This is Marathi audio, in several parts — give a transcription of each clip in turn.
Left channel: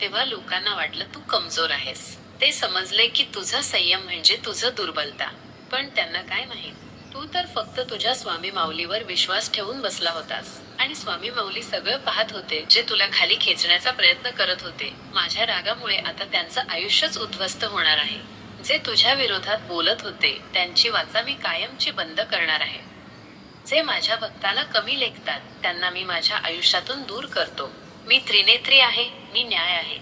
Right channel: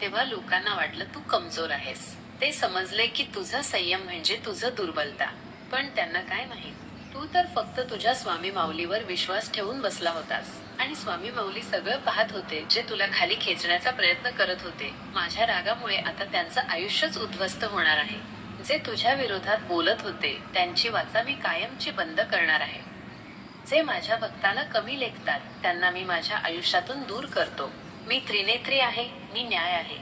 तेव्हा लोकांना वाटलं तू कमजोर आहेस. ते समजले की तुझा संयम म्हणजे तुझं दुर्बलता. पण त्यांना काय माहीत? तू तर फक्त तुझ्या स्वामी माऊलीवर विश्वास ठेवून बसला होतास. आणि स्वामी माऊली सगळं पाहत होते जे तुला खाली खेचण्याचा प्रयत्न करत होते. माझ्या रागामुळे आता त्यांचं आयुष्यच उद्ध्वस्त होणार आहे. जे तुझ्या विरोधात बोलत होते त्यांची वाचा मी कायमची बंद करणार आहे. जे माझ्या भक्ताला कमी लेखतात त्यांना मी माझ्या आयुष्यातून दूर करतो. मी त्रिनेत्री आहे मी न्याय आहे.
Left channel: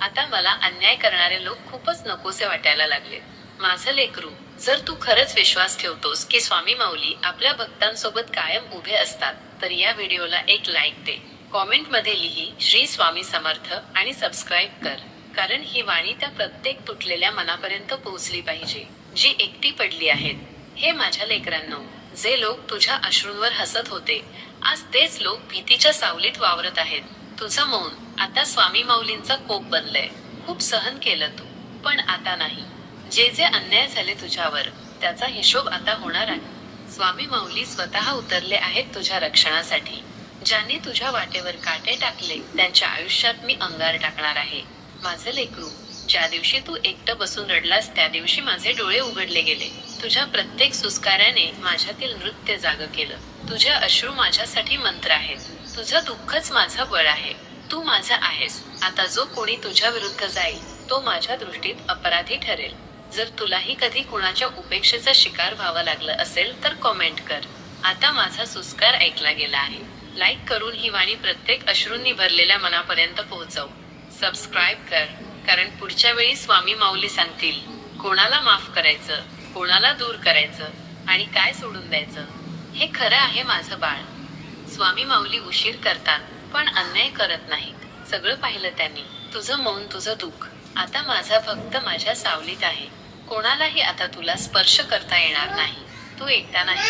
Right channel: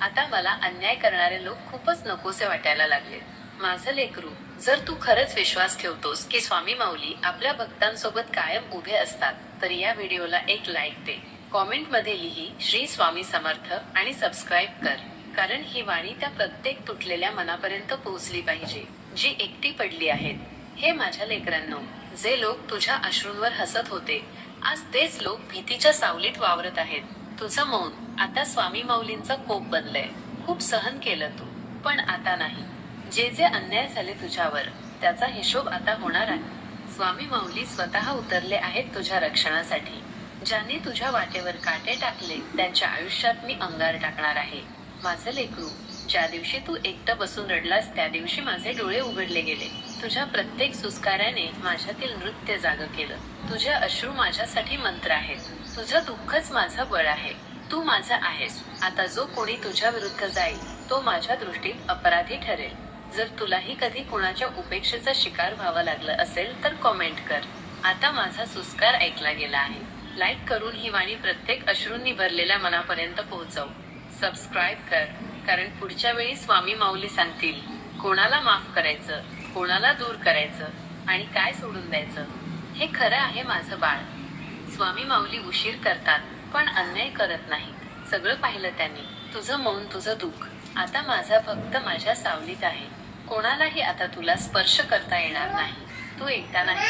आता मला अन्याय करणारे लोक खूपच नकोसे वाटायला लागले. माझं लेकरू जर तू खरंच विश्वास ठेवतोस की स्वामी माऊली आपल्या भक्तांसोबत कायम उभे असतात तर या व्हिडिओला एक लाईक दे. कॉमेंटमध्ये लिही श्री स्वामी समर्थ आणि सबस्क्राईब कर कारण ही वाणी त्या प्रत्येक तुटलेल्या मनापर्यंत पोहोचली पाहिजे जी एकटी पडली आहेत. हे माझ्या लेकरांनो जे लोक तुझ्या अश्रूंवर हसत होते आज तेच लोक भीतीच्या सावलीत वावरत आहेत. तुझं मौन आता स्वामी माऊलींचा कोप बनलंय. खूप सहन केलं तू पण आता नाही. जे जे अन्याय झाले तुझ्यावर त्याचा हिशोब आता होणार आहे. स्वामी माऊली स्वतः उतरले आहेत तुझ्या रक्षणासाठी. ज्यांनी तुझ्या वाटेवर काटे टाकले त्यांच्या आयुष्यात मी अंगार टाकणार आहे. माझं लेकरू ज्या दिवशी तू एकटं बसून रडलास त्या दिवशी माझे डोळे उघडले गेले. तुझ्या प्रत्येक सुस्काराने माझ्यातील नृत्य जाग केलं. तुझे अश्रू माझ्यासाठी मंत्र आहेत. तुझं दुःखच माझं बळ आहे. तू माझा आहेस. आता जो कोणी तुझ्या विरुद्ध जाईल तो माझ्या दृष्टीत अपराधी ठरेल. जर तुलाही कधी कुणाच्या उपेक्षेचा शिकार व्हावं लागलं असेल तर कॉमेंट कर. आता माझा सुस्कार ऐकला गेला आहे. लाईक करून ही वाणी प्रत्येक अश्रूंनी भरलेल्या मनापर्यंत पोहोचव. सबस्क्राईब कर. कारण पुढच्या वेळी स्वामी माऊली सांगतील कोणाला माफ करायचं कोणाला दूर करायचं आणि काय सोडून द्यायचं हे खरं आहे माझं बाळ. स्वामी माऊली उशीर करतात पण अन्याय करत नाहीत. सगळं पाहिलं त्यांनी. तुझं मौन तुझं दुःख. आता माझा भक्त माझ्या सावलीत आहे. कोणालाही आता तुला स्पर्श करता येणार नाही. तू एकटा नाही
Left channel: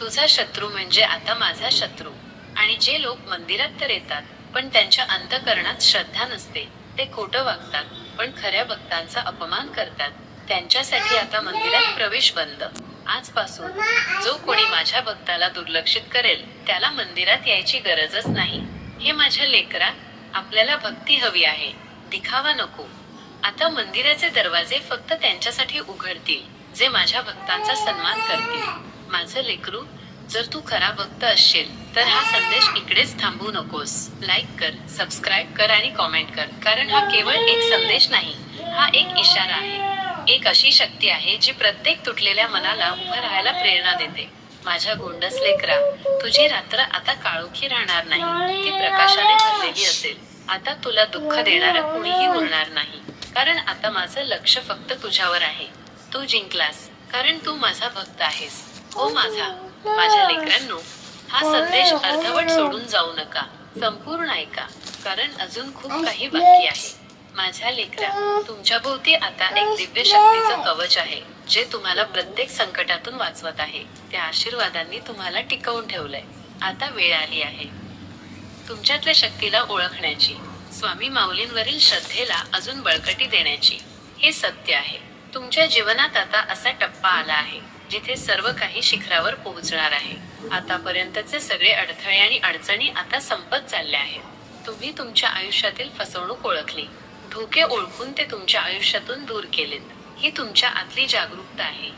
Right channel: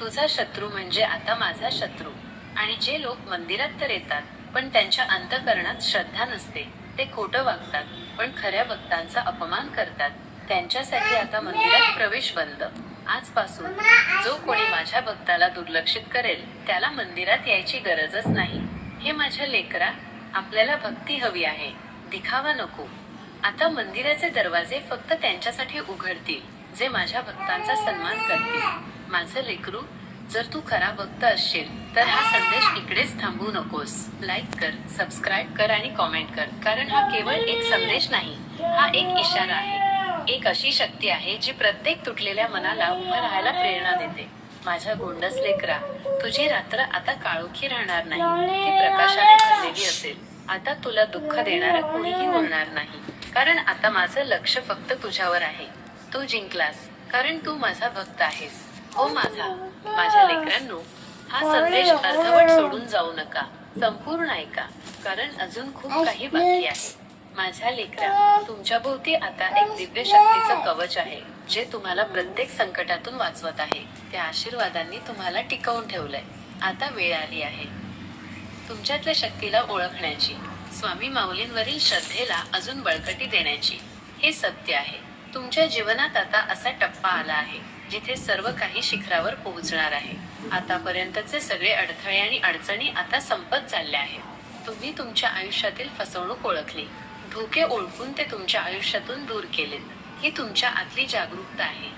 तुझा शत्रू म्हणजे आता माझा शत्रू. आणि जे लोक मंदिरात तर येतात पण त्यांच्या अंतकरणात श्रद्धा नसते. ते खोटं वागतात पण खऱ्या भक्तांचा अपमान करतात. त्यांच्यासाठी आता मंदिरात प्रवेश बंद. आजपासून जो कोणी माझ्या भक्ताला दुर्लक्षित करेल त्याला मंदिरात यायची गरजच नाही. हे माझ्या लेकरा आपल्याला भक्ती हवी आहे. दिखावा नको. आता मंदिराचे दरवाजे फक्त त्यांच्यासाठी उघडतील जे माझ्या भक्तांचा सन्मान करतील. माझं लेकरू जर तू खरा भक्त असशील तर हा संदेश इकडेच थांबू नकोस. लाईक कर सबस्क्राईब कर आणि कॉमेंट कर. कारण हा केवळ एक संदेश नाही हा एक इशारा आहे. एक अशी शक्ती आहे जी प्रत्येक तुटलेल्या मनाला उभं राहायला प्रेरणा देते. माझ्या गोंडस लेकरा तुझी रात्र आता काळोखी राहणार नाही. ती प्रकाशाने भरलेली असेल. आता तुला दुःख देणारं कुणीही उरणार नाही. कारण आता माझं लक्ष फक्त तुझ्यावर आहे. तू जिंकलास कारण तू माझा भक्त आहेस. हो माझा. माझ्या लेकरांनो हा संदेश अर्धवट सोडून जाऊ नका. संपूर्ण ऐका कारण अजून खूप काही बाकी आहे. माझ्या लेकरा तुमच्या भोवती आता एक दिव्य शक्तीचं कवच आहे जे तुम्हाला प्रत्येक संकटातून वाचवत आहे. त्या आशीर्वादांनी तुम्हाला टिकवून ठेवलंय. आता वेळ आली आहे. तुमच्यातल्या शक्तीला ओळखण्याची स्वामी माऊलींवरील श्रद्धेला अजून बळकटी देण्याची हे सत्य आहे. तुमच्या जीवनात आता असा टप्पा आला आहे. जिथे सर्व काही शिखरावर पोहोचणार आहे. आतापर्यंतचे सगळे अडथळे आणि अडचणी आता संपत चालल्या आहेत. तुम्ही तुमच्या आयुष्यातील फसवणूक ओळखली. धोके ओळखून ते तुमच्या आयुष्यातून दूर केलेत. ही तुमच्या आतली जागरूकता आहे.